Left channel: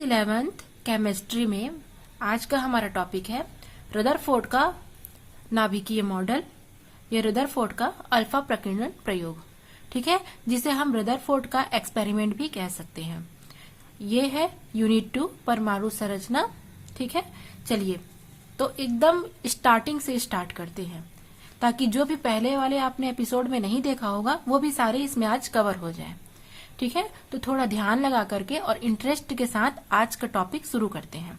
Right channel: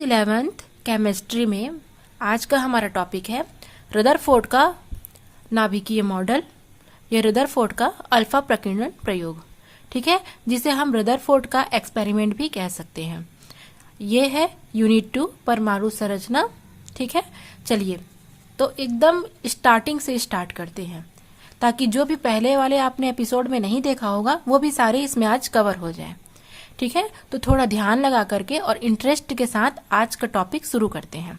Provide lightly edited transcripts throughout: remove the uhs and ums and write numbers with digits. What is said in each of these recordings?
11th chemistry में आज का हमारा टॉपिक है रदरफोर्ड का नाभिकीय मॉडल या रदरफोर्ड का अल्फा प्रकीर्णन प्रयोग। ठीक है, जिसे हम रदरफोर्ड का एक्सपेरिमेंट भी कह सकते हैं। ये है यूनिट 2 परमाणु संरचना। ठीक है, चलिए तो एकदम स्टार्टिंग से स्टार्ट करते हैं ताकि जो भी पहले वाले आपने एपिसोड में नहीं देखा होगा वो भी सारे इसमें आज कवर हो जाए। ठीक है, तो थोड़ा ध्यान लगा करके और इंटरेस्ट के साथ आज का टॉपिक शुरू करते हैं।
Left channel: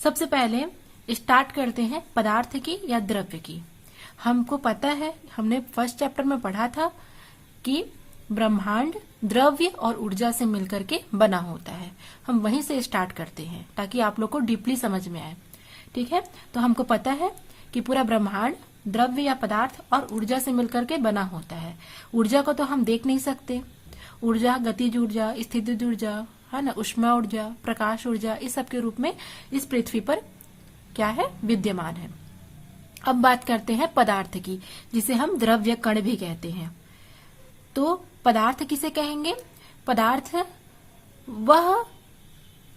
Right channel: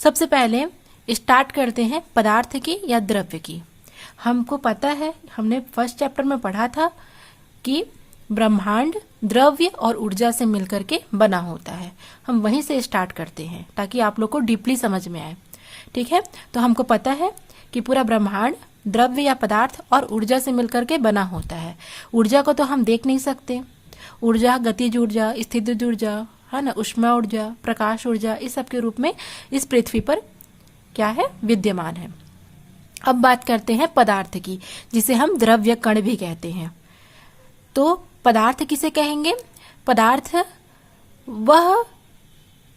सबसे पहले स्टार्ट करते हैं पदार्थ की या द्रव्य की। हमको पता है, हमने फर्स्ट चैप्टर में पढ़ा था कि ब्रह्मांड द्रव्य और ऊर्जा से मिलकर के बना होता है। हम वहीं से स्टार्ट करते हैं ताकि आप लोग को डीपली समझ में आए। ठीक है, तो हमको पता है कि पूरा ब्रह्मांड द्रव्य या पदार्थ और ऊर्जा से मिलकर के बना होता है। ऊर्जा को तो हम देख नहीं सकते। ऊर्जा गतिज ऊर्जा, स्थितिज ऊर्जा, है ना, ऊष्मा ऊर्जा, प्रकाश ऊर्जा, इस सब के रूप में इस पृथ्वी पर क्या है, विद्यमान है। अब बात करते हैं पदार्थ की, जिसे हम द्रव्य कण भी कहते हैं। तो पदार्थ किसे कहेंगे? पदार्थ वह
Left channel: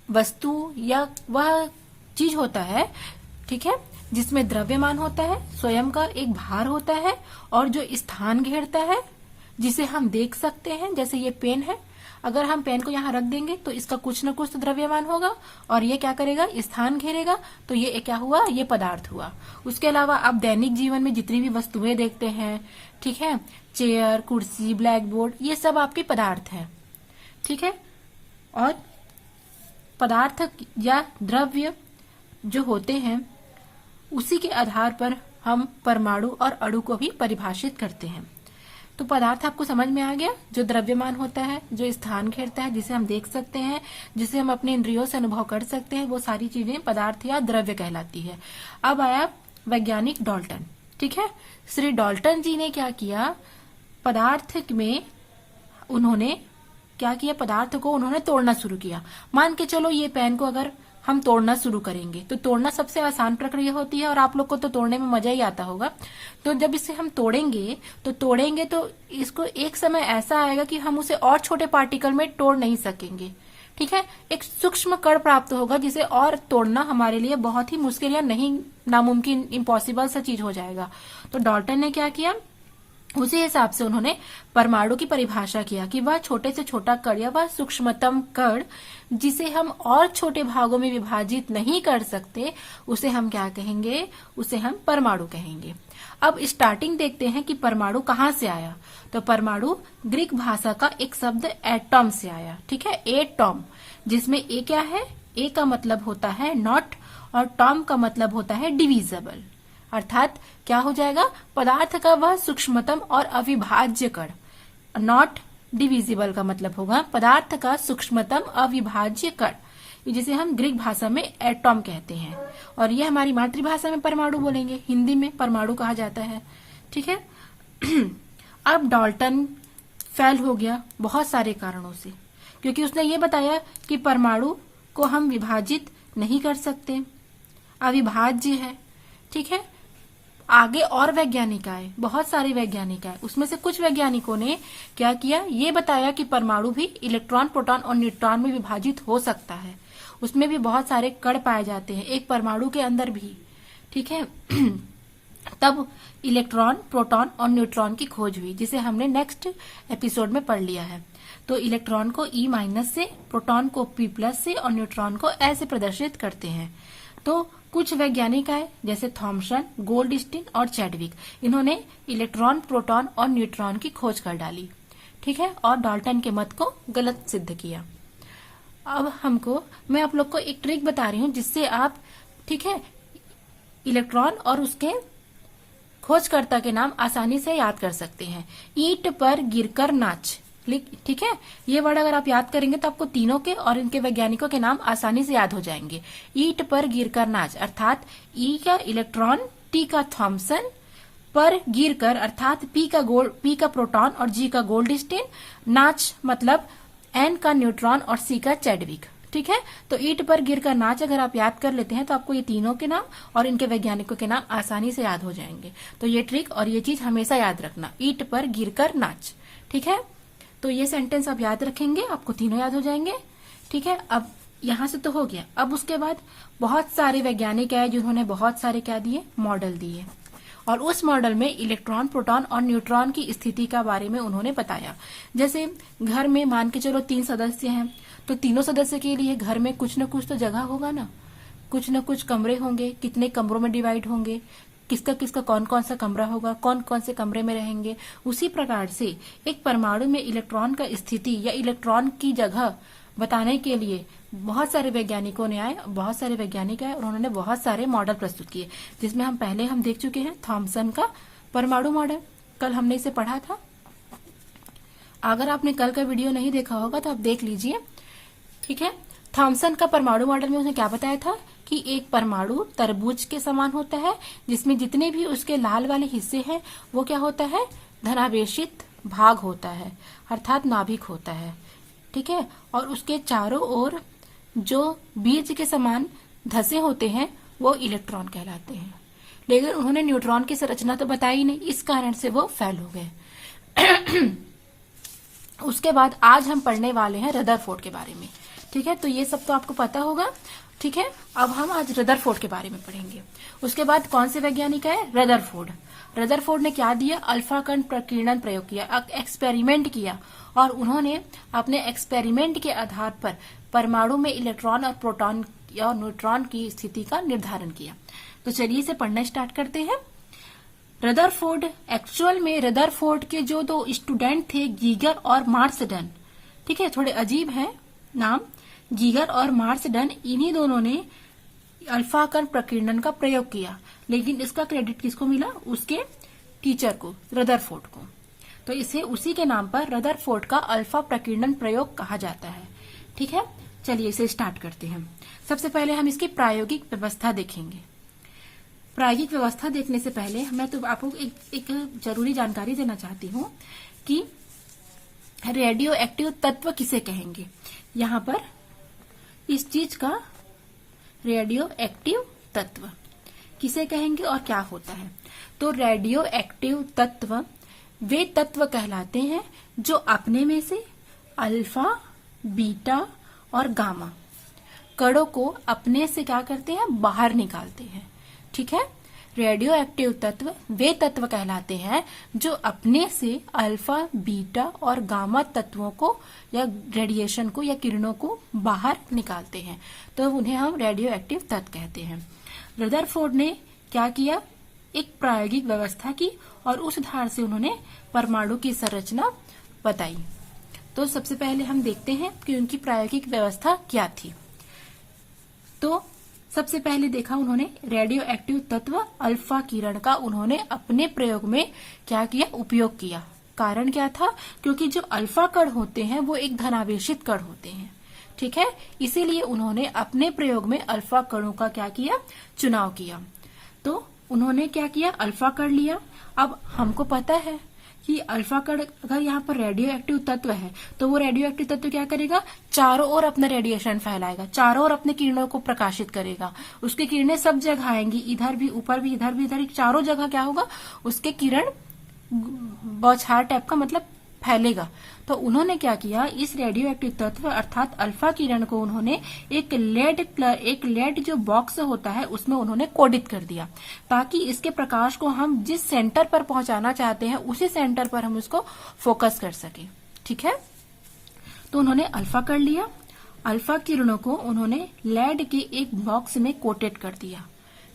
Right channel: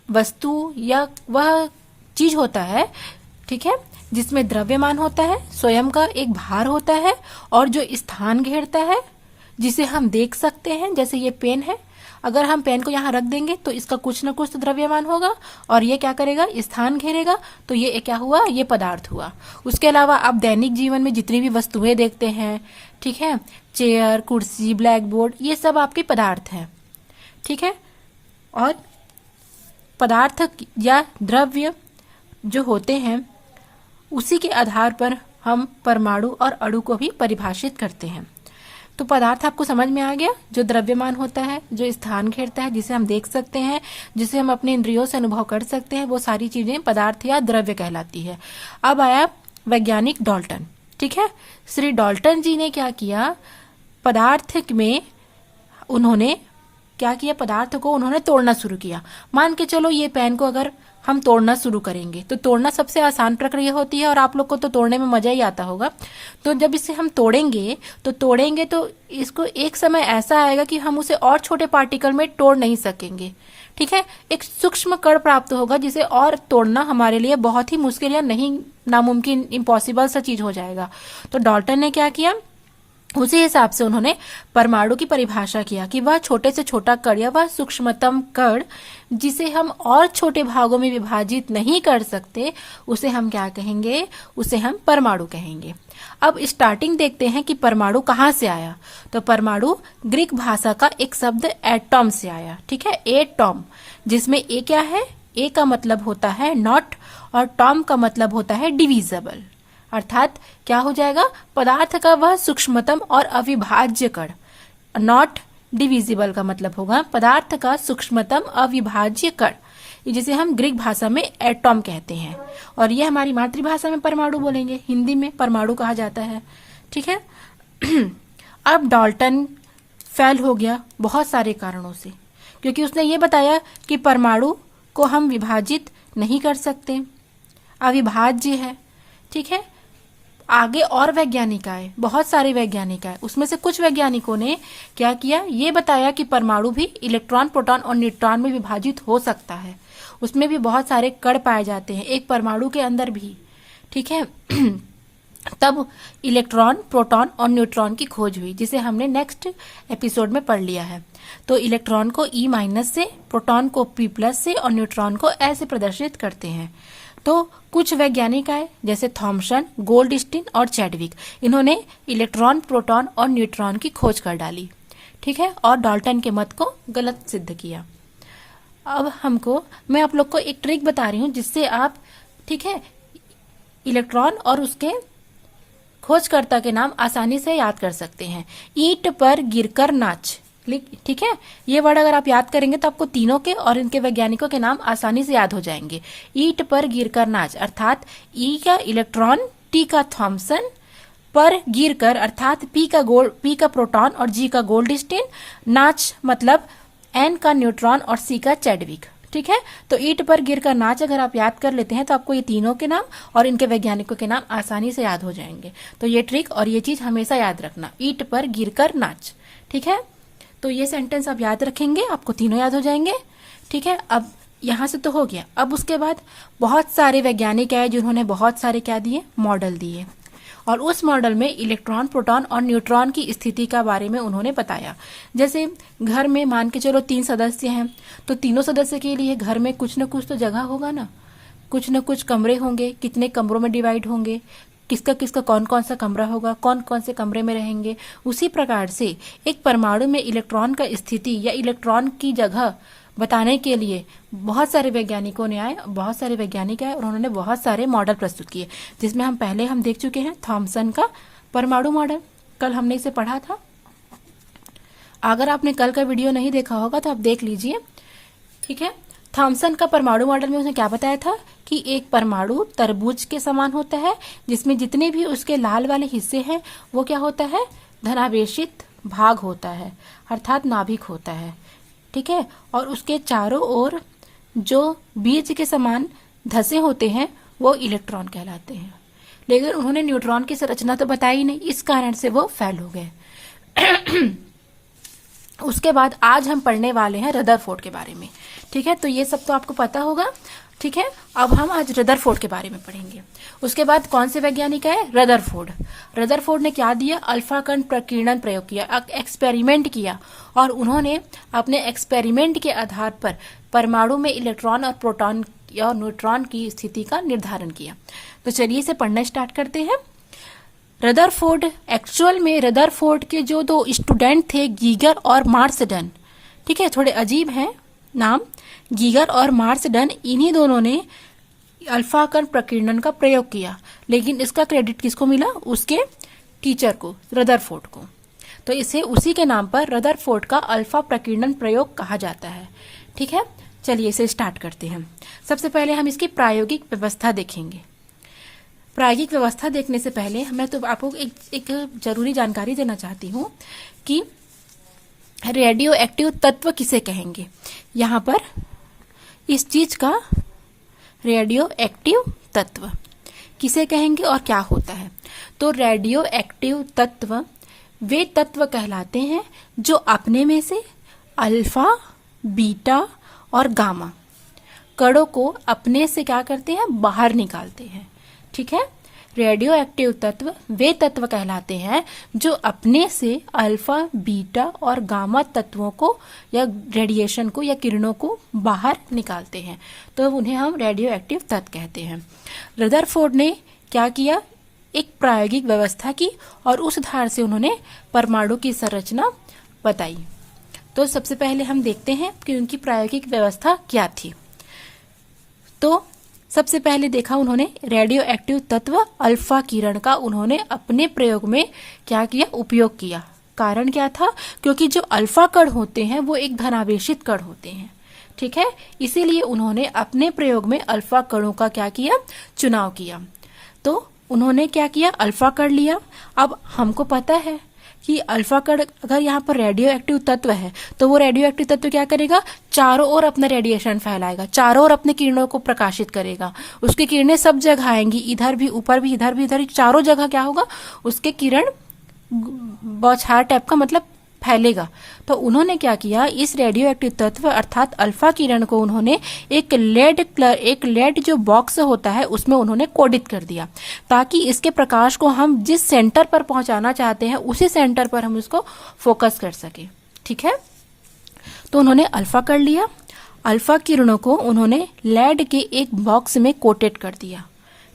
वस्तु या वह चीज होता है, ठीक है, जिसमें द्रव्यमान होता है, स्वयं का एक भार होता है और जो स्थान घेरता है, जिसे हम देख सकते हैं। जैसे ये पेन है, अगर हम पेन को यहाँ रख देंगे तो इसका कुछ न कुछ तो द्रव्यमान होगा और ये क्या करेगा, स्थान घेरेगा। तो ये क्या हुआ, ये पदार्थ हुआ। उसके अलावा आप दैनिक जीवन में जितनी भी वस्तुएं देखते हैं, ठीक है, चेयर, कुर्सी, ब्लैक बोर्ड, ये सब आपके पदार्थ हैं। ठीक है, और पदार्थ या द्रव्य जो होते हैं उसी के आधार पर हम परमाणु और अणु को भी परिभाषित करते हैं। तो पदार्थ आपको समझ में आ गया, जो द्रव्यमान होता है, जो स्थान घेरता है, जिसे हम देख सकते हैं, जिसे हम अपने इंद्रियों से अनुभव कर सकते हैं, वो सारी चीजें पदार्थ या द्रव्य कहलाती है। अब आया वैज्ञानिक डाल्टन। ठीक है, श्री डाल्टन जी ने क्या किया, पदार्थ में उन्होंने क्या किया, पदार्थ को उन्होंने तोड़ना शुरू किया। मान के चलो ये पेन को अगर हम तोड़ना शुरू करेंगे तो तोड़ना सबसे आसान प्रक्रिया होती है और आप लोग को तो तोड़ने में मजा ही आता होगा। तो जब इसे हम तोड़ेंगे तो इसको एक समय ऐसा आएगा कि हम उसे और छोटे पार्टिकल में तोड़ नहीं सकेंगे। ठीक है, एक सूक्ष्म कण प्राप्त होगा जिसे और तोड़ना हमारे लिए बहुत ही मुश्किल या नहीं, नामुमकिन, इम्पॉसिबल सा चीज हो जाएगा। तो डाल्टन ने क्या किया, उसी हिसाब से उन्होंने परमाणु की परिभाषा किया कि वह छोटे से छोटा कण या वह सूक्ष्मतम कण जिसे हम और छोटे भागों में विभाजित नहीं कर सकते, उसे हम क्या कहेंगे, उसे हम परमाणु कहेंगे। अब स्टार्टिंग देखते हैं कि परमाणु कहाँ से आया। तो परमाणु ग्रीक भाषा का एक शब्द एटॉम से आया। ठीक है, एटॉम, जिसमें ए क्या है, ए का मतलब होता है नॉट और टॉम का मतलब होता है डिविजिबल। अर्थात क्या हो जाएगा, पदार्थ का वह सूक्ष्मतम और अविभाज्य कण। नॉट डिविजिबल का मतलब होगा पदार्थ का सूक्ष्मतम अविभाज्य कण, जिसे हम ग्रीक भाषा में एटॉम कहते हैं। और ये हमारी मातृभाषा में परमाणु बोलेंगे, हिंदी में परमाणु कहा जाता है। ठीक है, अब डाल्टन फेल हो गया बहुत सारे कारणों से, क्योंकि उसने ये बताया कि परमाणु को हम विभाजित नहीं कर सकते, अविभाज्य है। ठीक है, आगे और वैज्ञानिक आए, बहुत सारे वैज्ञानिक आए। उसमें से कुछ वैज्ञानिकों ने क्या किया, ये बताया कि परमाणु भी इलेक्ट्रॉन, प्रोटॉन और न्यूट्रॉन में विभाजित हो सकता है। उसमें भी बहुत सारे कण पाए जाते हैं, एक परमाणु के अंदर भी। ठीक है, तब इलेक्ट्रॉन, प्रोटॉन और न्यूट्रॉन की खोज हुई, जिसे हमने नेक्स्ट एपिसोड में पढ़ लिया है। तो इलेक्ट्रॉन को E- से, प्रोटॉन को P+ से और न्यूट्रॉन को ऐसे प्रदर्शित करते हैं। तो कुछ वैज्ञानिक आए जैसे थॉमसन, गोल्डस्टीन और चैडविक। इन्होंने इलेक्ट्रॉन, प्रोटॉन और न्यूट्रॉन की खोज कर डाली। ठीक है, और डाल्टन के मत को गलत सिद्ध किया। अब मैं आप लोग को एक ट्रिक बता रही हूँ जिससे आप, ठीक है, इलेक्ट्रॉन और उसके खोजकर्ता के नाम आसानी से याद कर सकते हैं। ईंट पर गिरकर नाच, ठीक है, ये वर्ड अगर आप याद करेंगे तो आपको तीनों के और इनके वैज्ञानिकों के नाम आसानी से याद हो जाएंगे। ईंट पर गिरकर नाच अर्थात ई का इलेक्ट्रॉन, टी का थॉमसन, पर गिरकर अर्थात पी का प्रोटॉन और जी का गोल्डस्टीन, नाच मतलब एन का न्यूट्रॉन और सी का चैडविक। ठीक है, तो ईंट पर गिरकर नाच अगर आप याद कर लेते हैं तो आपको ये तीनों के नाम और इनके वैज्ञानिकों के नाम आसानी से याद हो जाएंगे। तो ये ट्रिक और ये चीज हमेशा याद रखना, ईंट पर गिरकर नाच। ठीक है, तो ये सेंटेंस आप याद रखेंगे, आपको तीनों याद हो जाएंगे। ठीक है, अब यहां से तो हो गया। अब उसके बाद बहुत सारे वैज्ञानिक आए जिन्होंने बहुत सारे क्या दिए, मॉडल दिए, और उस मॉडल में इलेक्ट्रॉन, प्रोटॉन और न्यूट्रॉन की स्थिति का बारे में उन्होंने बताया। जैसे घर में मान के चलो 3 सदस्य हैं, तो तीनों सदस्य के लिए घर में कुछ न कुछ तो जगह होगा ना, कुछ न कुछ कमरे होंगे, कितने कमरों में डिवाइड होंगे, किसका किसका कौन कौन सा कमरा होगा, कौन कौन से कमरे में रहेंगे। उसी प्रकार से एक परमाणु में इलेक्ट्रॉन का स्थिति या इलेक्ट्रॉन की जगह बताने के लिए बहुत सारे वैज्ञानिकों ने आए, बहुत सारे वैज्ञानिक आए और उन्होंने बहुत सारे मॉडल प्रस्तुत किए, जिसमें हम पहले हम देख चुके हैं थॉमसन का परमाणु मॉडल, कल हमने इसे पढ़ा था। अगर आपने कल का वीडियो नहीं देखा होगा तो आप देख लीजिए, ठीक है। थॉमसन का परमाणु मॉडल में उसने क्या बताया था कि एक परमाणु तरबूज के समान होता है, जिसमें जितने भी उसके लाल वाले हिस्से हैं वो क्या होता है, धनावेशित भाग होता है, अर्थात नाभिक होता है, ठीक है। और उसके चारों ओर जो बीज के समान धसे होते हैं वो इलेक्ट्रॉन कहलाते हैं। लेकिन उन्होंने न्यूट्रॉन की संरचना तो बताई नहीं, इस कारण से वो फेल हो गए। उसके बाद आज हम पढ़ने वाले हैं रदरफोर्ड के बारे में, ठीक है। तो ये सब तो आपको पता होगा, ठीक है। अब हम आज रदरफोर्ड के बारे में पढ़ेंगे। उसके बाद कौन से वैज्ञानिक है, रदरफोर्ड। रदरफोर्ड ने क्या दिया, अल्फा कण प्रकीर्णन प्रयोग किया, एक्सपेरिमेंट किया, और उन्होंने अपने एक्सपेरिमेंट के आधार पर परमाणु में इलेक्ट्रॉन और प्रोटॉन और न्यूट्रॉन की स्थिति का निर्धारण किया। तो चलिए इसे पढ़ना स्टार्ट करते हैं। रदरफोर्ड, एक्चुअल में रदरफोर्ड के जो 2 स्टूडेंट थे, गीगर और मार्सडन, ठीक है, थोड़े अजीब हैं नाम, गीगर और मार्सडन, इन्हीं दोनों ने अल्फा कण प्रकीर्णन का प्रयोग किया। लेकिन इसका क्रेडिट किसको मिला, उसके टीचर को, रदरफोर्ड को। तो इसे उसी के नाम पर रदरफोर्ड का अल्फा प्रकीर्णन प्रयोग कहा जाता है, ठीक है। चलिए इसे स्टार्ट करते हैं। सबसे पहले हम इसकी प्रायोगिक व्यवस्था देखेंगे। प्रायोगिक व्यवस्था देखने से पहले मैं तो आपको एक जरूरी जानकारी देना चाहती हूँ कि रेडियो एक्टिव तत्व किसे कहेंगे। यहाँ पर इस चीज का रेडियो एक्टिव तत्व किसे कहेंगे और क्या होता है। तो रेडियो एक्टिव तत्व वे तत्व कहलाते हैं जो अपने में से अल्फा, बीटा और गामा कणों को अपने से क्या करते हैं, बाहर निकालते हैं, ठीक है। रेडियो एक्टिव तत्व वे तत्व कहलाते हैं जो अपने से अल्फा, बीटा और गामा तत्वों को या रेडिएशन को या किरणों को बाहर निकालते हैं, तो उन्हें हम रेडियो एक्टिव तत्व कहते हैं। रदरफोर्ड ने क्या किया, एक प्रायोगिक व्यवस्था की और उस आधार से उन्होंने परमाणु की संरचना बताई। तो सबसे पहले हम देखते हैं कि उनकी प्रायोगिक व्यवस्था क्या थी। तो सबसे पहले देखा उन्होंने रेडियो एक्टिव तत्व अल्फा किरण का उन्होंने अपने प्रयोग में क्या किया, उपयोग किया। कारण क्या था, क्योंकि जो अल्फा कण होते हैं वो एक धनावेशित कण होते हैं, ठीक है। इसीलिए उन्होंने अपने प्रयोग में अल्फा कणों का क्या किया, चुनाव किया। तो उन्होंने क्या किया, अल्फा कण लिया। अब हमको पता है कि अल्फा कण अगर यहाँ पर रेडियो एक्टिव तत्व है तो वो रेडियो एक्टिव तत्व क्या करेगा, चारों ओर अपना रेडिएशन फैलाएगा, चारों ओर अपने किरणों को प्रकाशित करेगा। उसकी किरणें सब जगह आएंगी, इधर भी, ऊपर भी, इधर भी, इधर, चारों जगह क्या होगा, उसके किरण बौछार टाइप का मतलब फैलेगा। तो उन्होंने क्या किया, इस रेडियो एक्टिव तत्व अर्थात अल्फा किरण को उन्होंने एक लेड जो बॉक्स होता है उसमें उन्होंने कोडित कर दिया, ताकि इसके प्रकाश को हम जिस सेंटर पर पहुंचाना चाहते हैं उसी सेंटर पर हम उसको फोकस कर सके, ठीक है। तो उन्होंने अल्फा कर लिया, अल्फा किरणों को उन्होंने लेड के एक बॉक्स में कोटेड कर दिया,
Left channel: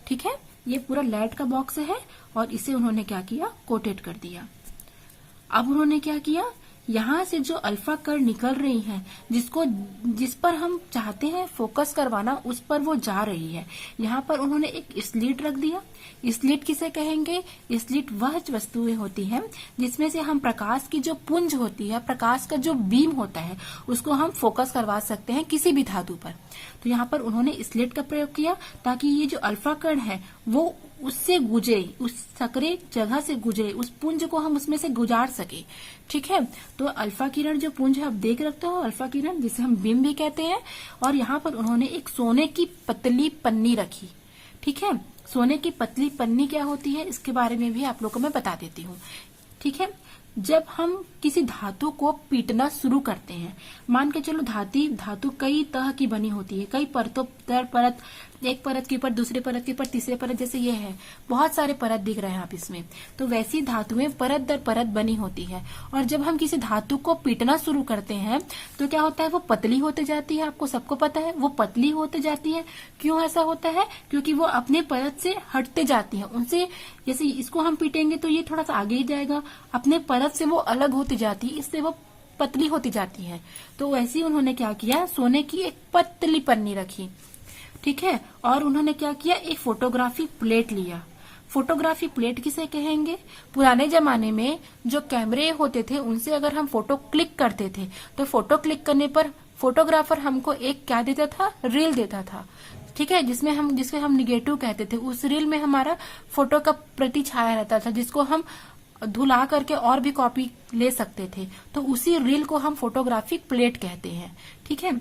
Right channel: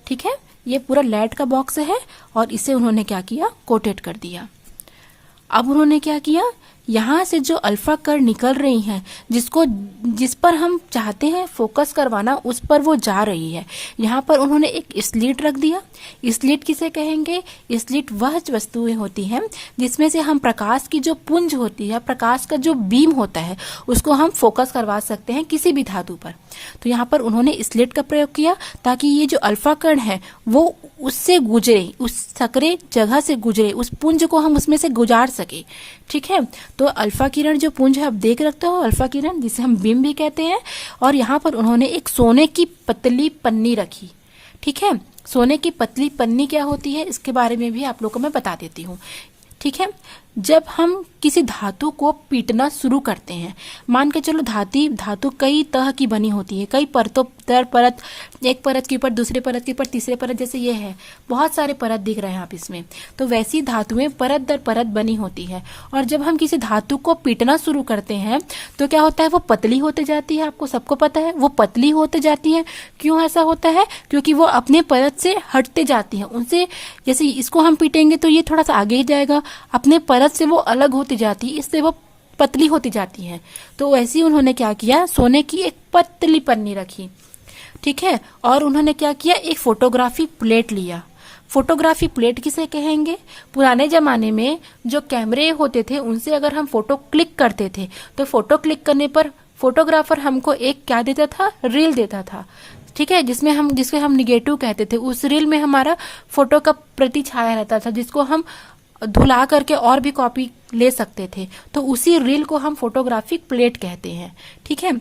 ठीक है। ये पूरा लेड का बॉक्स है और इसे उन्होंने क्या किया, कोटेड कर दिया। अब उन्होंने क्या किया, यहाँ से जो अल्फा कण निकल रही हैं, जिस पर हम चाहते हैं फोकस करवाना उस पर वो जा रही है। यहाँ पर उन्होंने एक स्लिट रख दिया। स्लिट किसे कहेंगे, स्लिट वह वस्तुएं होती हैं जिसमें से हम प्रकाश की जो पुंज होती है, प्रकाश का जो बीम होता है, उसको हम फोकस करवा सकते हैं किसी भी धातु पर। तो यहाँ पर उन्होंने स्लिट का प्रयोग किया ताकि ये जो अल्फा कण है वो उससे गुजरे, उस सकरे जगह से गुजरे, उस पुंज को हम उसमें से गुजार सके, ठीक है। तो अल्फा किरण जो पुंज है, आप देख रखते हो, अल्फा किरण जिसे हम बीम भी कहते हैं। और यहाँ पर उन्होंने एक सोने की पतली पन्नी रखी, ठीक है। सोने की पतली पन्नी क्या होती है इसके बारे में भी आप लोगों को मैं बता देती हूँ, ठीक है। जब हम किसी धातु को पीटना शुरू करते हैं, मान के चलो धातु कई तरह की बनी होती है, कई परतों दर परत, एक परत के ऊपर दूसरे परत के ऊपर तीसरे परत, जैसे ये है बहुत सारे परत दिख रहे हैं आप इसमें, तो वैसी धातुएं परत दर परत बनी होती है। और जब हम किसी धातु को पीटना शुरू करते हैं तो क्या होता है, वो पतली होते जाती है। आपको सबको पता है वो पतली होते जाती है। क्यों ऐसा होता है? क्योंकि वो अपने परत से हटते जाती है उनसे। जैसे इसको हम पीटेंगे तो ये थोड़ा सा आगे ही जाएगा, अपने परत से वो अलग होती जाती है, इससे वो पतली होती जाती है। तो वैसे ही उन्होंने क्या किया, सोने की एक पतली पन्नी रखी, ठीक है, और उन्होंने क्या किया, एक फोटोग्राफी प्लेट लिया। फोटोग्राफी प्लेट किसे कहेंगे? पुराने जमाने में जो कैमरे होते थे उनसे अगर हम फोटो क्लिक करते थे तो फोटो क्लिक करने पर फोटोग्राफर हमको एक क्या देता था, रील देता था, ठीक है, जिसके हम निगेटिव कहते थे। उस रील में हमारा फोटो का प्रति छाया रहता था, जिसको हम धुला करके और भी कॉपी ले सकते थे। तो उसी रील को हम फोटोग्राफिक प्लेट कहते हैं, ठीक है।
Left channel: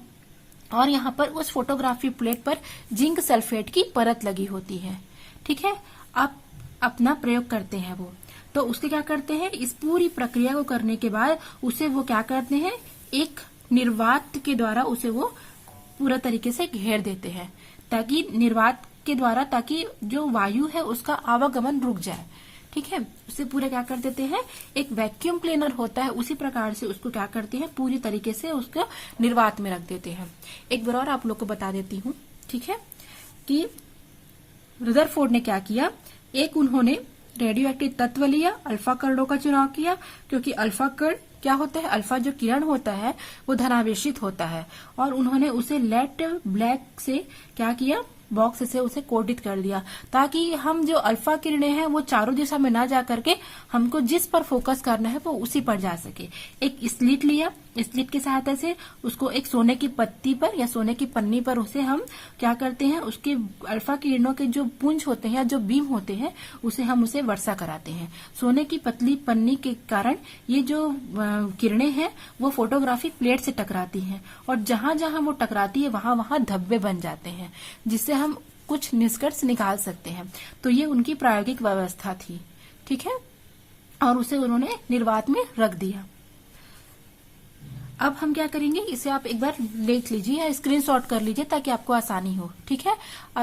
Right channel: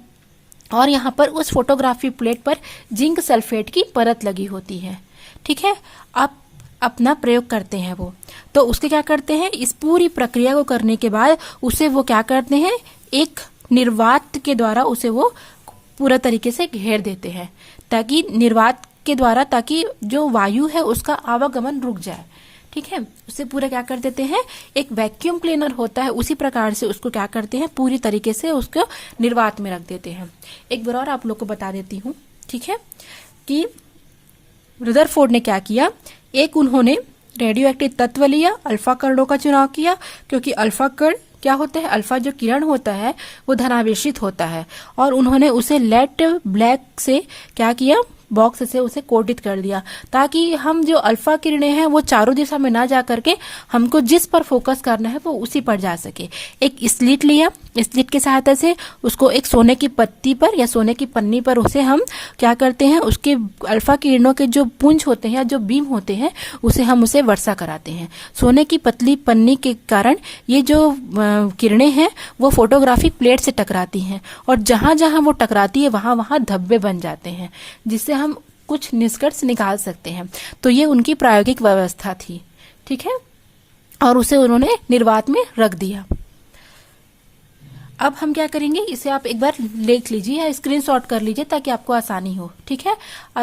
और यहाँ पर उस फोटोग्राफी प्लेट पर जिंक सल्फेट की परत लगी होती है, ठीक है। अब अपना प्रयोग करते हैं वो, तो उसके क्या करते हैं, इस पूरी प्रक्रिया को करने के बाद उसे वो क्या करते हैं, एक निर्वात के द्वारा उसे वो पूरा तरीके से घेर देते हैं, ताकि निर्वात के द्वारा, ताकि जो वायु है उसका आवागमन रुक जाए, ठीक है। उसे पूरा क्या कर देते हैं, एक वैक्यूम क्लीनर होता है उसी प्रकार से उसको क्या करते हैं, पूरी तरीके से उसको निर्वात में रख देते हैं। एक बार और आप लोग को बता देती हूँ, ठीक है, कि रदरफोर्ड ने क्या किया, एक उन्होंने रेडियो एक्टिव तत्व लिया, अल्फा कणों का चुनाव किया, क्योंकि अल्फा कण क्या होता है, अल्फा जो किरण होता है वो धनावेशित होता है, और उन्होंने उसे लेड ब्लैक से क्या किया, बॉक्स से उसे कोटित कर दिया, ताकि हम जो अल्फा किरणें हैं वो चारों दिशा में ना जा करके हमको जिस पर फोकस करना है वो उसी पर जा सके। एक स्लिट लिया, स्लिट की सहायता से उसको एक सोने की पत्ती पर या सोने की पन्नी पर उसे हम क्या करते हैं, उसके अल्फा किरणों के जो पुंज होते हैं या जो बीम होते हैं उसे हम उसे वर्षा कराते हैं। सोने की पतली पन्नी के कारण ये जो किरणें हैं वो फोटोग्राफिक प्लेट से टकराती हैं, और जहां जहां वो टकराती है वहां वहां धब्बे बन जाते हैं, जिससे हम कुछ निष्कर्ष निकाल सकते हैं। तो ये उनकी प्रायोगिक व्यवस्था थी, ठीक है, और उसे उन्होंने निर्वात में रख दिया। अब हम क्या करेंगे, इसे आप एक बार लिख लीजिए या स्क्रीनशॉट कर लीजिए ताकि आपको आसानी हो, ठीक है।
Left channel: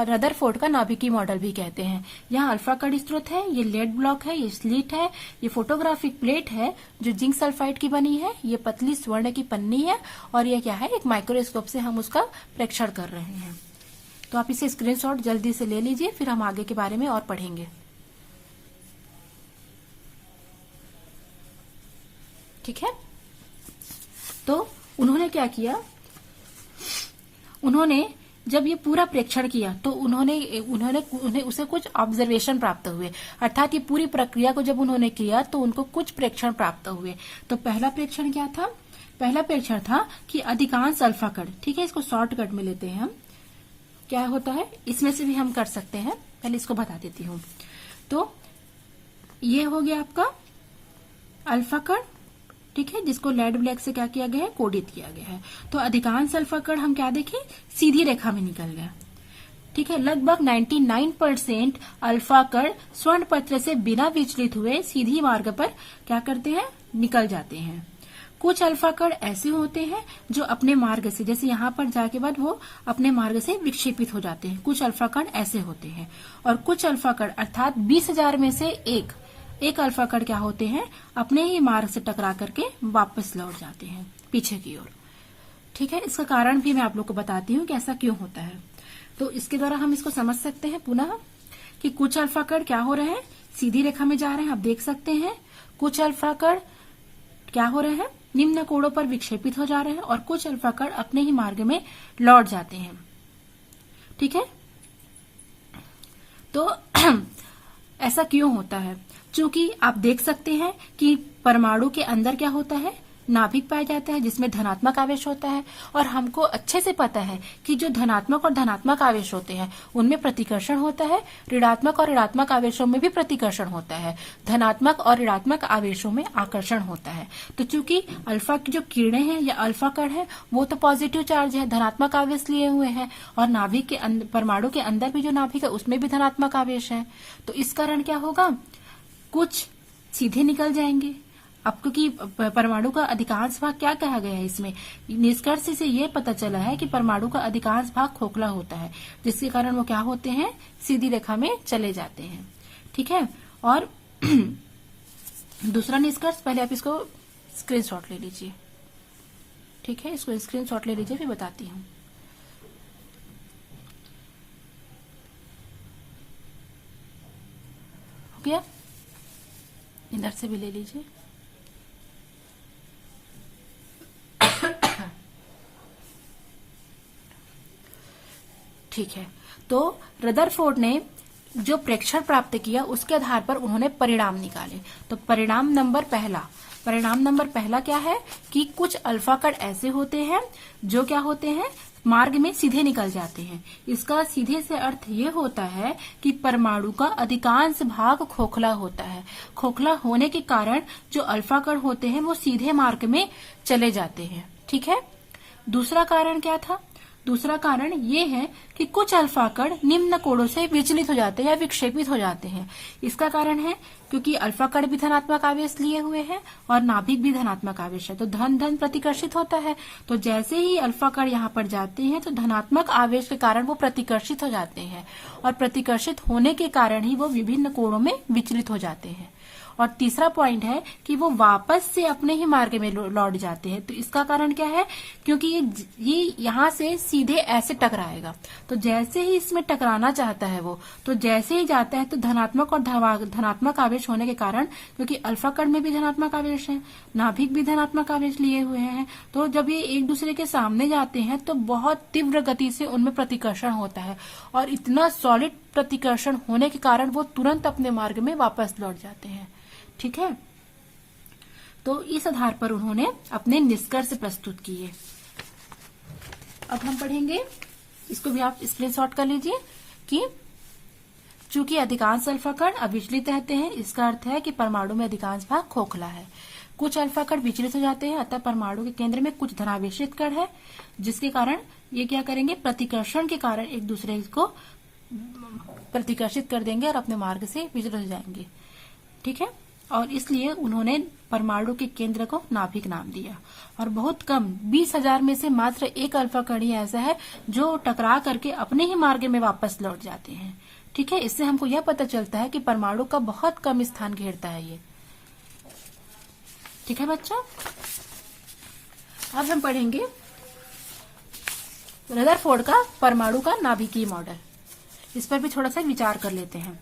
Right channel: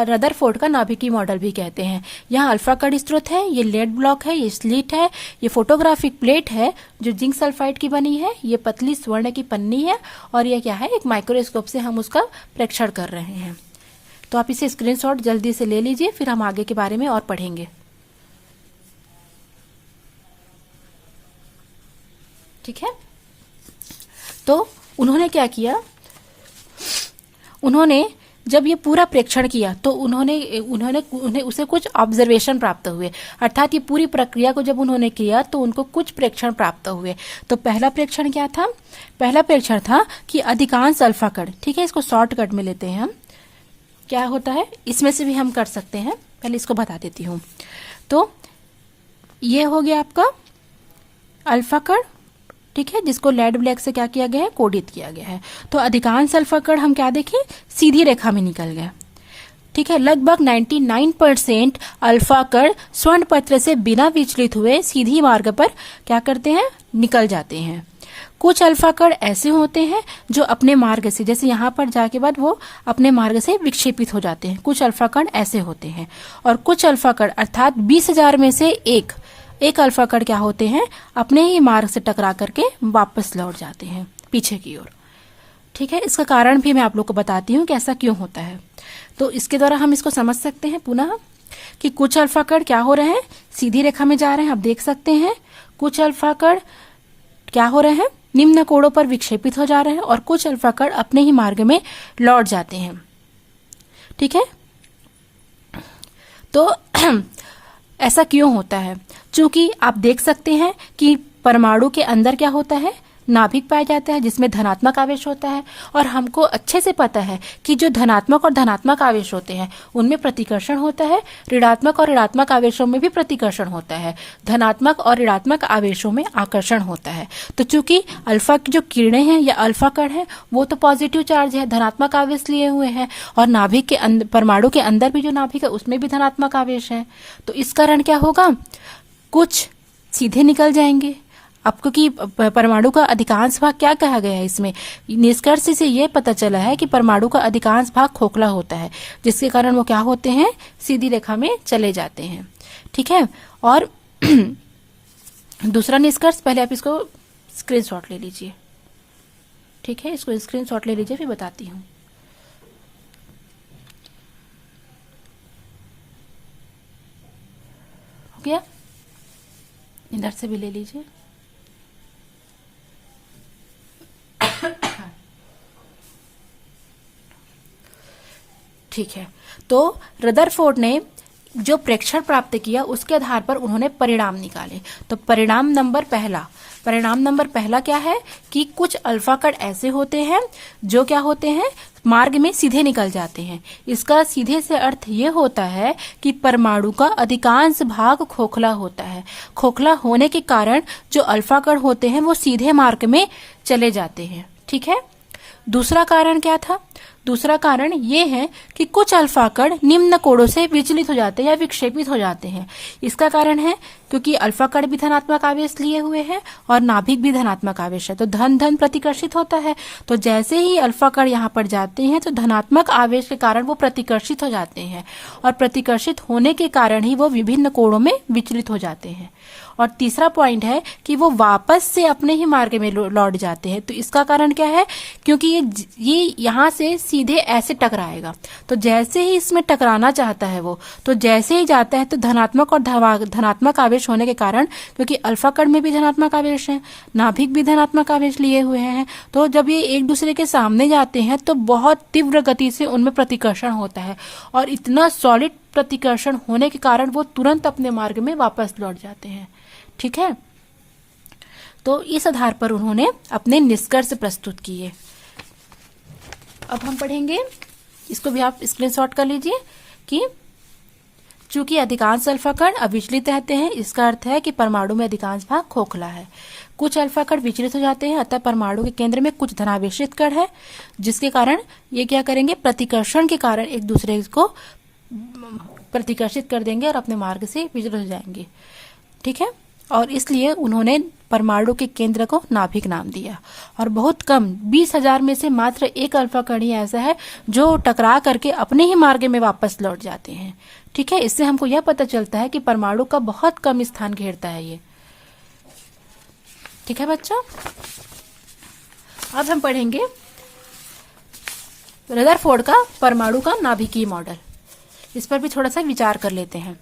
रदरफोर्ड का नाभिकीय मॉडल भी कहते हैं। यहाँ अल्फा कण स्रोत है, ये लेड ब्लॉक है, ये स्लिट है, ये फोटोग्राफिक प्लेट है जो जिंक सल्फाइड की बनी है, ये पतली स्वर्ण की पन्नी है, और ये क्या है, एक माइक्रोस्कोप से हम उसका प्रेक्षण कर रहे हैं। तो आप इसे स्क्रीनशॉट जल्दी से ले लीजिए, फिर हम आगे के बारे में और पढ़ेंगे, ठीक है। तो उन्होंने क्या किया, उन्होंने जब ये पूरा प्रेक्षण किया तो उन्हें उसे कुछ ऑब्जर्वेशन प्राप्त हुए, अर्थात ये पूरी प्रक्रिया को जब उन्होंने किया तो उनको कुछ प्रेक्षण प्राप्त हुए। तो पहला प्रेक्षण क्या था, पहला प्रेक्षण था कि अधिकांश अल्फा कण, ठीक है, इसको शॉर्टकट में लेते हैं हम, क्या होता है इसमें से भी हम कर सकते हैं, पहले इसको बता देती हूँ। तो ये हो गया आपका अल्फा कण, ठीक है, जिसको लेड ब्लैक से क्या किया गया है, कोडित किया गया है। तो अधिकांश अल्फा कण हम क्या देखें, सीधी रेखा में निकल गया, ठीक है। लगभग 99% अल्फा कण स्वर्ण पत्र से बिना विचलित हुए सीधी मार्ग पर क्या करते हैं, निकल जाते हैं। कुछ अल्फा कण ऐसे होते हैं जो अपने मार्ग से, जैसे यहाँ पर जाके बाद वो अपने मार्ग से विक्षेपित हो जाते हैं, कुछ अल्फा कण ऐसे होते हैं। और कुछ अल्फा कण अर्थात 20,000 में से एक अल्फा कण क्या होते हैं, अपने ही मार्ग से टकरा करके वापस लौट जाते हैं पीछे की ओर, ठीक है। इसका कारण भी मैं आप लोग को बताती हूँ कि ऐसा क्यों होता है। तो इसके द्वारा हम इसको समझ सकते हैं पुनः कि कुछ अल्फा कण क्या हो रहे हैं, सीधी रेखा में जा रहे हैं, आप देख सकते हैं। कुछ अल्फा कण क्या हो रहे हैं, निम्न कोणों पर विक्षेपित हो जा रहे हैं, और कुछ अल्फा कण अपने ही मार्ग में लौट जाते हैं, ठीक है। तो ऐसा क्यों होता है, चूंकि आप देख सकते हैं कि परमाणु के अंदर क्या होता है, नाभिक पाया जाता है जिसमें धनात्मक आवेश होता है, और हमको अच्छे से पता है कि जो धनात्मक और धनात्मक आवेश होते हैं उनमें प्रतिकर्षण होता है, ऋणात्मक और ऋणात्मक आवेशों में भी प्रतिकर्षण होता है, धनात्मक और ऋणात्मक आवेशों में आकर्षण होता है। तो चूंकि अल्फा की जो किरणें हैं या अल्फा कण है वो तो पॉजिटिव चार्ज है, धनात्मक आवेश लिए हुए हैं, और नाभिक के अंदर, परमाणु के अंदर भी जो नाभिक है उसमें भी धनात्मक आवेश है। तो इस कारण क्या होगा, कुछ सीधे निकल जाएंगे, अब क्योंकि परमाणु का अधिकांश भाग क्या कहा गया है इसमें, निष्कर्ष से ये पता चला है कि परमाणु का अधिकांश भाग खोखला होता है, जिसके कारण वो क्या होते हैं, सीधी रेखा में चले जाते हैं। ठीक है, और दूसरा निष्कर्ष, पहले आप इसको स्क्रीनशॉट ले लीजिए। ठीक है, इसको स्क्रीनशॉट ले लीजिए, फिर बताती हूँ। हो गया, इधर से भी ले लीजिए। ठीक है, तो रदरफोर्ड ने जो प्रेक्षण प्राप्त किया उसके आधार पर उन्होंने परिणाम निकाले। तो परिणाम नंबर पहला क्या है कि कुछ अल्फा कण ऐसे होते हैं जो क्या होते हैं, मार्ग में सीधे निकल जाते हैं। इसका सीधे से अर्थ ये होता है कि परमाणु का अधिकांश भाग खोखला होता है। खोखला होने के कारण जो अल्फा कण होते हैं वो सीधे मार्ग में चले जाते हैं। ठीक है, दूसरा कारण क्या था, दूसरा कारण ये है कि कुछ अल्फा कण निम्न कोणों से विचलित हो जाते हैं या विक्षेपित हो जाते हैं। इसका कारण है क्योंकि अल्फा कण भी धनात्मक आवेश लिए हुए हैं और नाभिक भी धनात्मक आवेश है, तो धन धन प्रतिकर्षित होता है। तो जैसे ही अल्फा कण यहाँ पर जाते हैं तो धनात्मक आवेश के कारण वो प्रतिकर्षित हो जाते हैं, और प्रतिकर्षित होने के कारण ही वो विभिन्न कोणों में विचलित हो जाते हैं। और तीसरा पॉइंट है कि वो वापस से अपने ही मार्ग में लौट जाते हैं। तो इसका कारण क्या है, क्योंकि ये यहाँ से सीधे ऐसे टकराएगा, तो जैसे ही इसमें टकराना चाहता है वो, तो जैसे ही जाता है तो धनात्मक और धनात्मक आवेश होने के कारण, क्योंकि अल्फा कण में भी धनात्मक आवेश है, नाभिक भी धनात्मक आवेश लिए हुए हैं, तो जब ये एक दूसरे के सामने जाते हैं तो बहुत तीव्र गति से उनमें प्रतिकर्षण होता है, और इतना सॉलिड प्रतिकर्षण होने के कारण वो तुरंत अपने मार्ग में वापस लौट जाते हैं। ठीक है, तो इस आधार पर उन्होंने अपने निष्कर्ष प्रस्तुत किए। अब हम पढ़ेंगे, इसको भी आप स्क्रीनशॉट कर लीजिए, कि चूंकि अधिकांश अल्फा कण अविचलित रहते हैं, इसका अर्थ है कि परमाणु में अधिकांश भाग खोखला है। कुछ अल्फा कण विचलित हो जाते हैं, अतः परमाणु के केंद्र में कुछ धनावेशित कण है, जिसके कारण ये क्या करेंगे, प्रतिकर्षण के कारण एक दूसरे को प्रतिकर्षित कर देंगे और अपने मार्ग से विचलित हो जाएंगे। ठीक है, और इसलिए उन्होंने परमाणु के केंद्र को नाभिक नाम दिया। और बहुत कम 20,000 में से मात्र एक अल्फा कण ही ऐसा है जो टकरा करके अपने ही मार्ग में वापस लौट जाते हैं। ठीक है, इससे हमको यह पता चलता है कि परमाणु का बहुत कम स्थान घेरता है ये। ठीक है बच्चों, अब हम पढ़ेंगे रदरफोर्ड का परमाणु का नाभिकीय मॉडल। इस पर भी थोड़ा सा विचार कर लेते हैं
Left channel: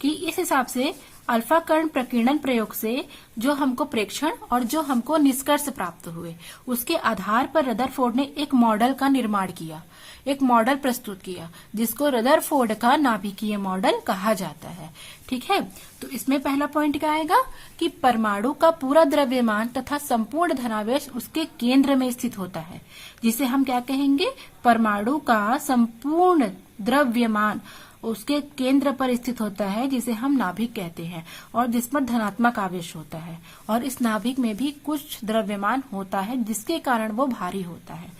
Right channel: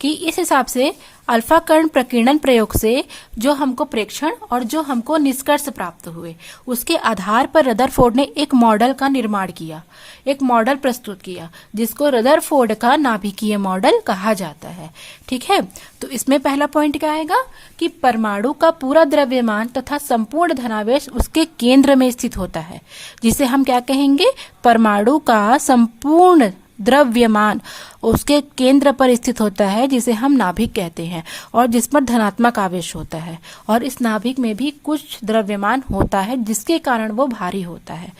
कि इस हिसाब से अल्फा कण प्रकीर्णन प्रयोग से जो हमको प्रेक्षण और जो हमको निष्कर्ष प्राप्त हुए, उसके आधार पर रदरफोर्ड ने एक मॉडल का निर्माण किया, एक मॉडल प्रस्तुत किया, जिसको रदरफोर्ड का नाभिकीय मॉडल कहा जाता है। ठीक है, तो इसमें पहला पॉइंट क्या आएगा कि परमाणु का पूरा द्रव्यमान तथा संपूर्ण धनावेश उसके केंद्र में स्थित होता है, जिसे हम क्या कहेंगे, परमाणु का संपूर्ण द्रव्यमान उसके केंद्र पर स्थित होता है, जिसे हम नाभिक कहते हैं, और जिस पर धनात्मक आवेश होता है, और इस नाभिक में भी कुछ द्रव्यमान होता है जिसके कारण वो भारी होता है।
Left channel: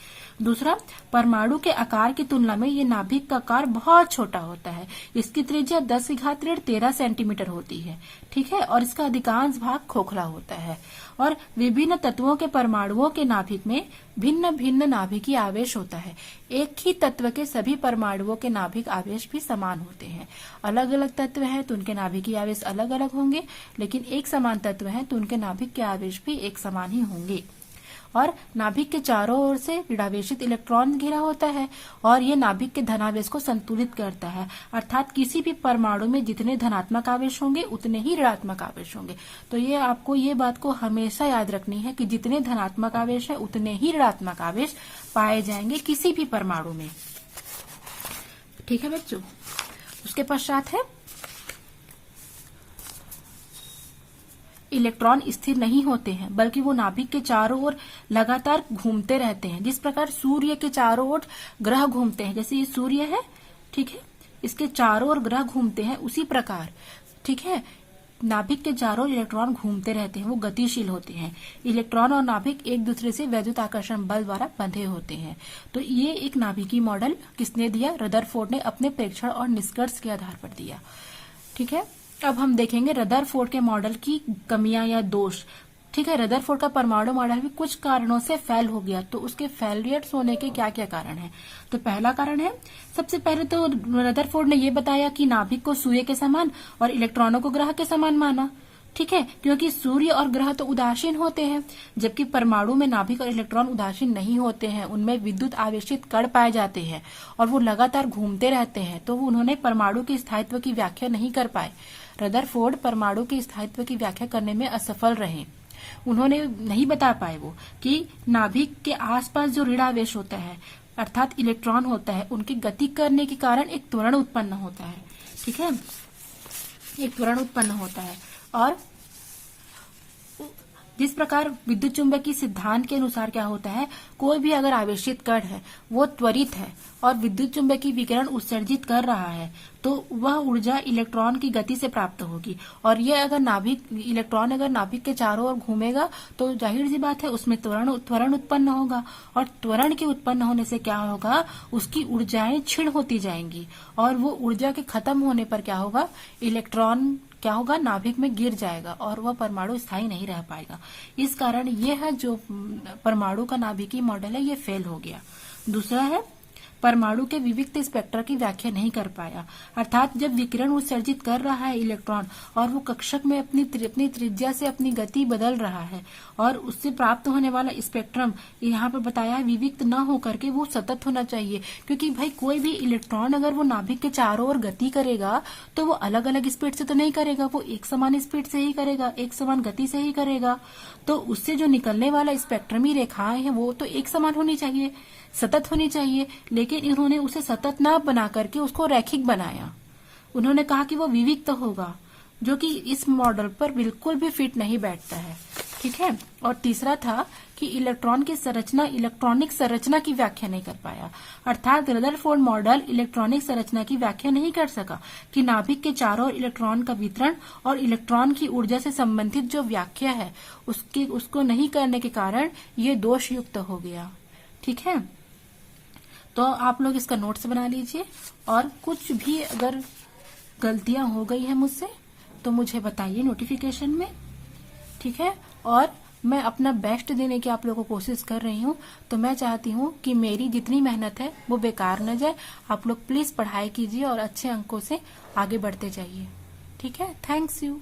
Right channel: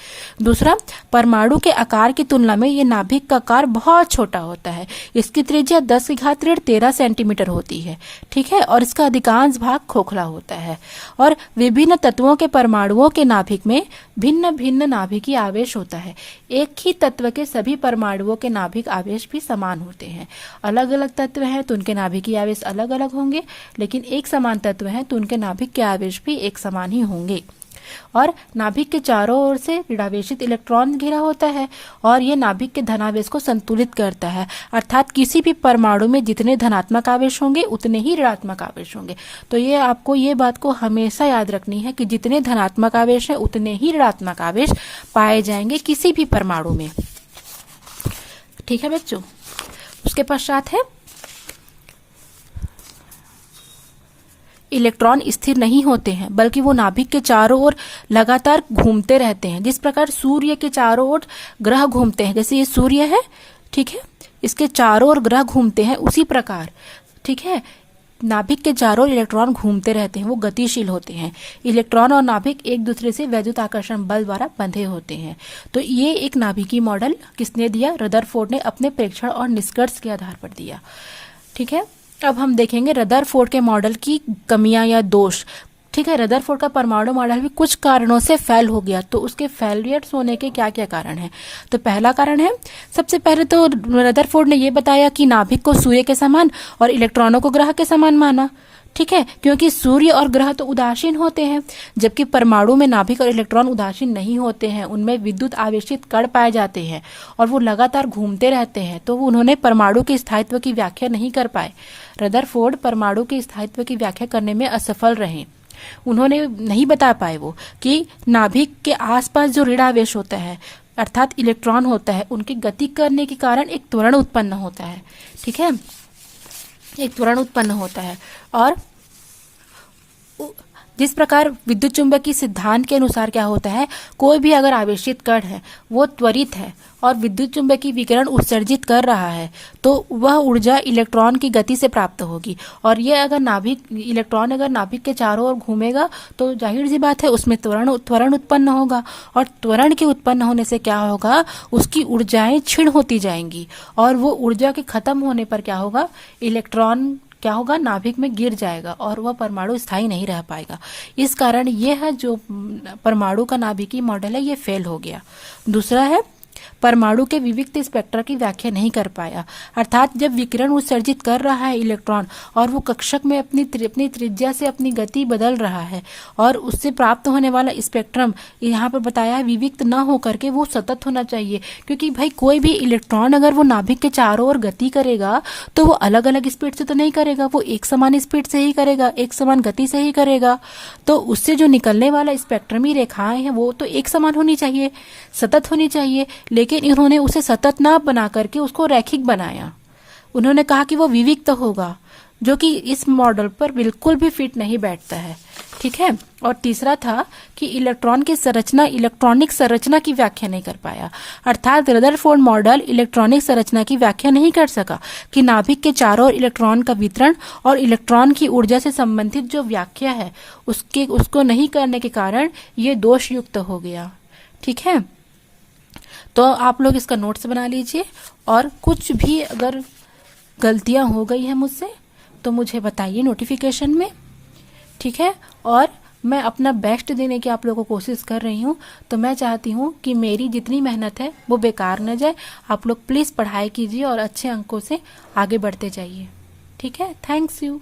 दूसरा, परमाणु के आकार की तुलना में ये नाभिक का आकार बहुत छोटा होता है। इसकी त्रिज्या 10⁻13 सेंटीमीटर होती है। ठीक है, और इसका अधिकांश भाग खोखला होता है, और विभिन्न तत्वों के परमाणुओं के नाभिक में भिन्न भिन्न नाभिकीय आवेश होता है। एक ही तत्व के सभी परमाणुओं के नाभिक आवेश भी समान होते हैं। अलग अलग तत्व हैं तो उनके नाभिकीय आवेश अलग अलग होंगे, लेकिन एक समान तत्व हैं तो उनके नाभिक के आवेश भी एक समान ही होंगे। और नाभिक के चारों ओर से ऋणावेशित इलेक्ट्रॉन घिरा होता है, और ये नाभिक के धनावेश को संतुलित करता है, अर्थात किसी भी परमाणु में जितने धनात्मक आवेश होंगे उतने ही ऋणात्मक आवेश होंगे। तो ये आपको ये बात को हमेशा याद रखनी है कि जितने धनात्मक आवेश है उतने ही ऋणात्मक आवेश पाए जाएंगे किसी भी परमाणु में। ठीक है बच्चों, उसके पश्चात है इलेक्ट्रॉन स्थिर नहीं होते हैं, बल्कि वो नाभिक के चारों ओर लगातार घूमते रहते हैं। जिस प्रकार सूर्य के चारों ओर ग्रह घूमते हैं, जैसे ये सूर्य है, ठीक है, इसके चारों ओर ग्रह घूमते हैं, उसी प्रकार ठीक है नाभिक के चारों ओर इलेक्ट्रॉन घूमते रहते हैं, वो गतिशील होते हैं। इलेक्ट्रॉन और नाभिक एक दूसरे से वैद्युत आकर्षण बल द्वारा बंधे होते हैं। तो ये एक नाभिकीय मॉडल किसने दिया, रदरफोर्ड ने अपने प्रेक्षण और निष्कर्ष के आधार पर दिया। ठीक है, अब हम देखेंगे रदरफोर्ड के मॉडल की कमियां या दोष। ठीक है, रदरफोर्ड का परमाणु मॉडल भी कुछ कारणों से फेल हो गया। तो उसके फेलियर्स होने के क्या क्या कारण है? तो पहला कारण है, सबसे पहले तो रदरफोर्ड ने यह बताया कि नाभिक को सूर्य के समान और इलेक्ट्रॉनों को ग्रह के समान माना। ठीक है, क्योंकि सूर्य और ग्रह तो उदासीन होते हैं, जबकि परमाणु में नाभिक और इलेक्ट्रॉन उदासीन नहीं होते हैं। उनमें विद्युत आवेशित कण पाए जाते हैं और वो लगातार घूमते रहते हैं। तो उन्होंने परमाणु के स्थायित्व की व्याख्या नहीं कर पाए। रदरफोर्ड परमाणु के स्थायित्व की व्याख्या करने में असफल रहे। उन्होंने नहीं बता पाए वो कि नाभिक के आसपास जो ऋण आवेश होता है अर्थात इलेक्ट्रॉन होता है, उनकी गति करने के कारण एक त्वरण उत्पन्न होता है। ठीक है, एक त्वरण उत्पन्न होता है। और जिस प्रकार विद्युत चुंबकीय सिद्धांत के अनुसार क्या होता है, कोई भी अगर आवेशित कण है वो त्वरित है और विद्युत चुंबकीय विकिरण उत्सर्जित कर रहा है, तो वह ऊर्जा इलेक्ट्रॉन की गति से प्राप्त होगी। और ये अगर इलेक्ट्रॉन अगर नाभिक के चारों ओर घूमेगा तो जाहिर सी बात है उसमें त्वरण उत्पन्न होगा। और त्वरण के उत्पन्न होने से क्या होगा, उसकी ऊर्जाएं क्षीण होती जाएंगी और वो ऊर्जा के खत्म होने पर क्या होगा, इलेक्ट्रॉन क्या होगा, नाभिक में गिर जाएगा और वह परमाणु स्थायी नहीं रह पाएगा। इस कारण यह है जो परमाणु का नाभिकीय मॉडल है, ये फेल हो गया। दूसरा है, परमाणु के विविक्त स्पेक्ट्रा की व्याख्या नहीं कर पाया। अर्थात जब विकिरण उत्सर्जित कर रहा है इलेक्ट्रॉन और वो कक्षक में अपनी त्रिज्या से अपनी गति बदल रहा है और उससे प्राप्त होने वाला स्पेक्ट्रम यहाँ पर बताया है विविक्त न होकर के वो सतत होना चाहिए। क्योंकि भाई कोई भी इलेक्ट्रॉन अगर वो नाभिक के चारों ओर गति करेगा तो वो अलग अलग स्पीड से तो नहीं करेगा, वो एक समान स्पीड से ही करेगा, एक समान गति से ही करेगा। तो उससे जो निकलने वाला स्पेक्ट्रमी रेखाएं हैं वो तो एक समान होनी चाहिए, सतत होनी चाहिए। लेकिन इन्होंने उसे सतत ना बना करके उसको रैखिक बनाया। उन्होंने कहा कि वो विविक्त होगा, जो कि इस मॉडल पर बिल्कुल भी फिट नहीं बैठता है। ठीक है, और तीसरा था कि इलेक्ट्रॉन की संरचना, इलेक्ट्रॉनिक संरचना की व्याख्या नहीं कर पाया। अर्थात रदरफोर्ड मॉडल इलेक्ट्रॉनिक संरचना की व्याख्या नहीं कर सका कि नाभिक के चारों ओर इलेक्ट्रॉन का वितरण और इलेक्ट्रॉन की ऊर्जा से संबंधित जो व्याख्या है उसको नहीं करने के कारण ये दोष युक्त हो गया। ठीक है, तो आप लोग इसका नोट्स बना लीजिए और कुछ भी अगर गलतियां हो गई हैं मुझसे तो मुझे बताइए नोटिफिकेशन में। ठीक है, और मैं अपना बेस्ट देने की आप लोगों को कोशिश कर रही हूँ। तो मैं चाहती हूँ कि मेरी जितनी मेहनत है वो बेकार न जाए। आप लोग प्लीज पढ़ाई कीजिए और अच्छे अंकों से आगे बढ़ते जाइए। ठीक है, थैंक्स यू।